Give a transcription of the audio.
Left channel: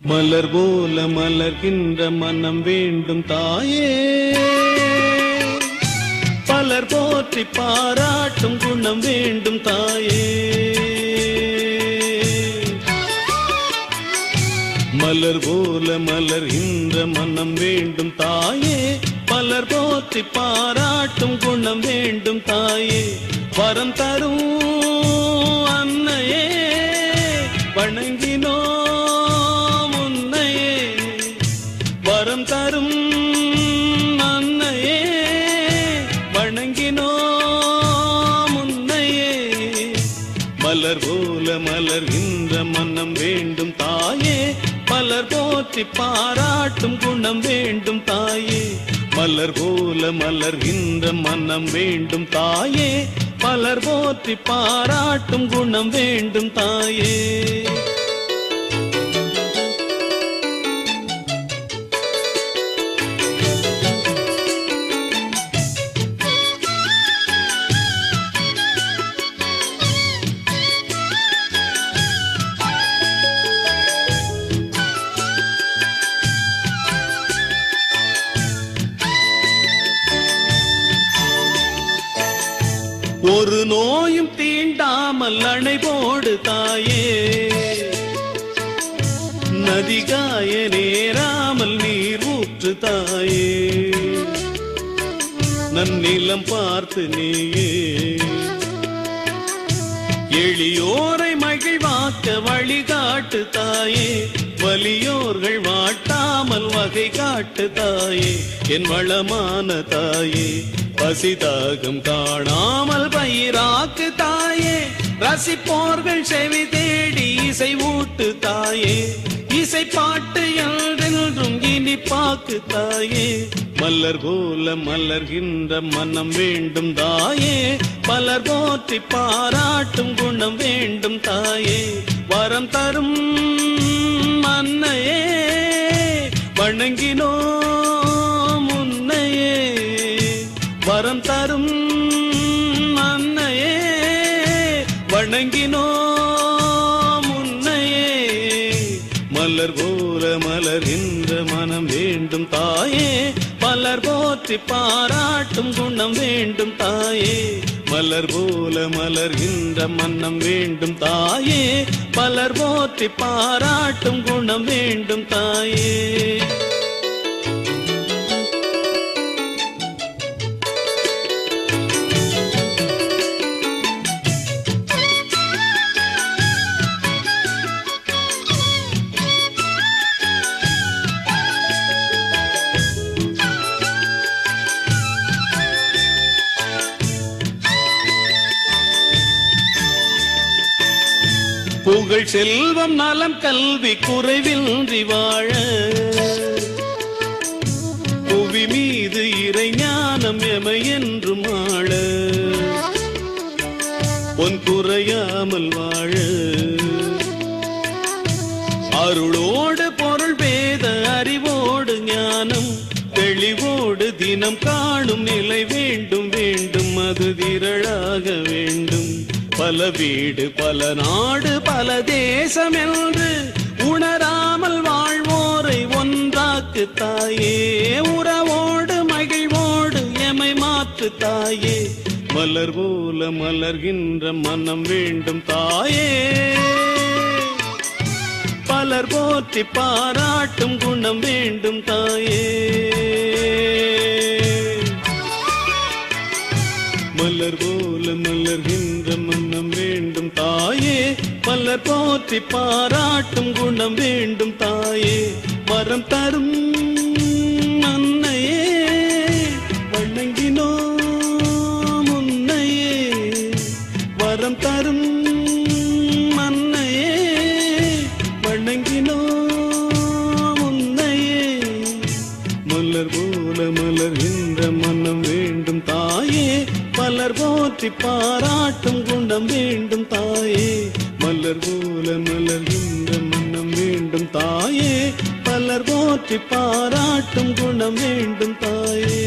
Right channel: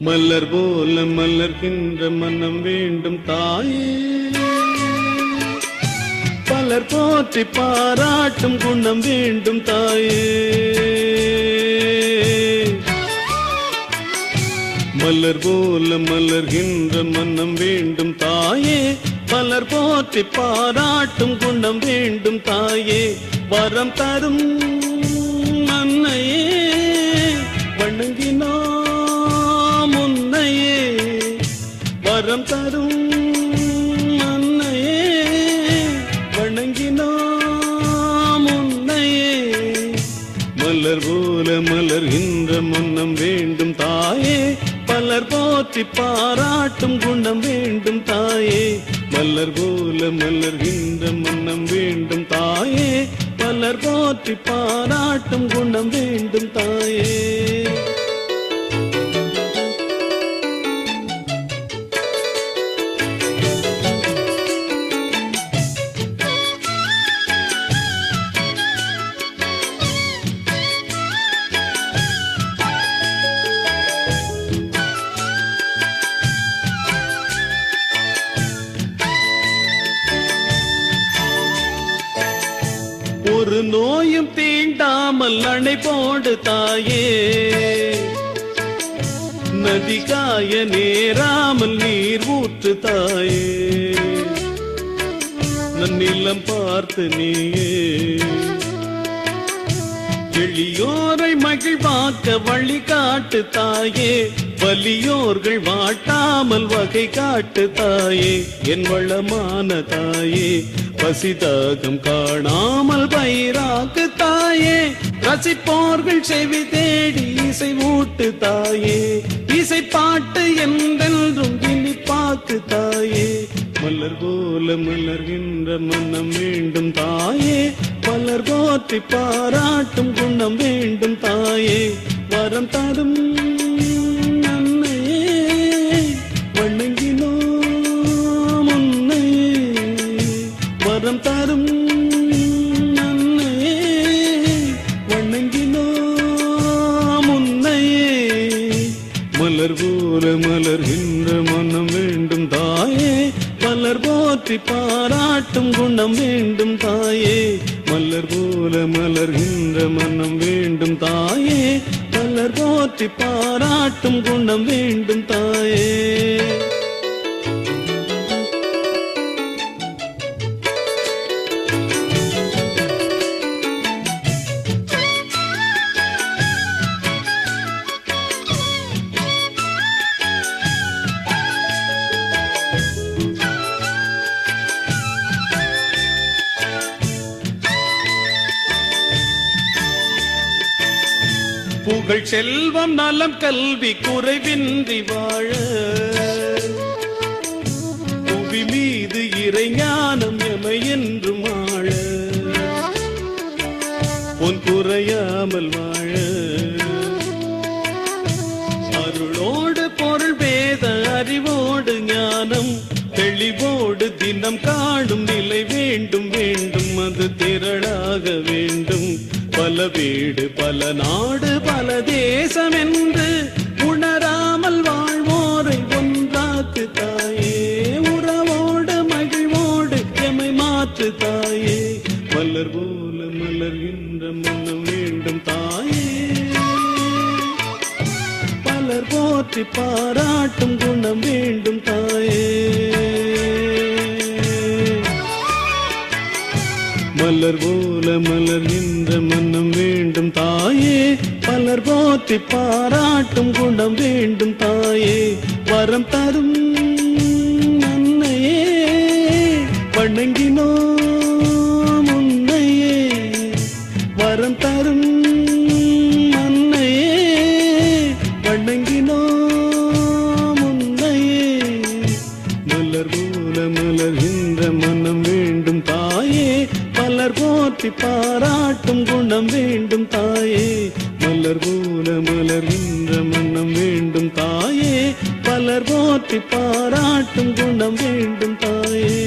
மலர் போல மலர்கின்ற மனம் வேண்டும் தாயே, பலர் போற்றி பாராட்டும் குணம் வேண்டும் தாயே. மலர் போல மலர்கின்ற மனம் வேண்டும் தாயே, மலர் போற்றி பாராட்டும் குணம் வேண்டும் தாயே. வரம் தரும் அன்னையே வணங்கினோம் உன்னையே, வரம் தரும் அன்னையே வணங்கினோம் உன்னையே. மலர் போல மலர்கின்ற மனம் வேண்டும் தாயே, பலர் போற்றி பாராட்டும் குணம் வேண்டும் தாயே. மலர் போல மலர்கின்ற மனம் வேண்டும் தாயே, பலர் போற்றி பாராட்டும் குணம் வேண்டும் தாயே. ஒரு நோயும் தீண்டாமல் அணை போடு தாயே, நதிகாய நேராமல் நீர் ஊற்று தாயே. நன்னிலம் பார்த்து நீயே எளியோரை மகிழ்வாக்க வழிகாட்டு தாயே, வலியோர்கள் வாட்டாமல் வகை காட்டு தாயே. என் வளமான தாயே, பசிதாகம் காணாமல் பயிராக்கு தாயே, ரசிப்போர்கள் செவி தேடி இசை ஊட்டு தாயே. இசை பாட்டு என்றென்றும் இனி பாக்கு தாயே. மலர் போல மலர்கின்ற மனம் வேண்டும் தாயே, மலர் போற்றி பாராட்டும் குணம் வேண்டும் தாயே. வரம் தரும் அன்னையே வணங்கினோம் உன்னையே, வரம் தரும் அன்னையே வணங்கினோம் உன்னையே. மலர் போல மலர்கின்ற மனம் வேண்டும் தாயே, மலர் போற்றி பாராட்டும் குணம் வேண்டும் தாயே. மலர் போல மலர்கின்ற மனம் வேண்டும் தாயே, மலர் போற்றி பாராட்டும் குணம் வேண்டும் தாயே. புகழ் செல்வம் நலம் கல்வி குறைவின்றி வாழ, புவி மீது இறை ஞானம் எமை என்றும் ஆழ, பொன் குறையாமல் வாழ. அருளோடு பொருள் பேத அறிவோடு ஞானம் தெளிவோடு தினம் காணும் நிலை வேண்டும் வேண்டும், அது திரளாக வேண்டும். பல வீடு பல நாடு பல தேசம் என்று உணராமல் வாழ்வோரை ஒன்றாக்கு தாயே, உறவோடு மகிழ்வோடு எமை மாற்று தாயே. மலர் போல மலர்கின்ற மனம் வேண்டும் தாயே, பலர் போற்றி பாராட்டும் குணம் வேண்டும் தாயே. மலர் போல மலர்கின்ற மனம் வேண்டும் தாயே, மலர் போற்றி பாராட்டும் குணம் வேண்டும் தாயே. வரம் தரும் அன்னையே வணங்கினோம் உன்னையே, வரம் தரும் அன்னையே வணங்கினோம் உன்னையே. மலர் போல மலர்கின்ற மனம் வேண்டும் தாயே, மலர் போற்றி பாராட்டும் குணம் வேண்டும் தாயே. மலர் போல மலர்கின்ற மனம் வேண்டும் தாயே, மலர் போற்றி பாராட்டும் குணம் வேண்டும் தாயே.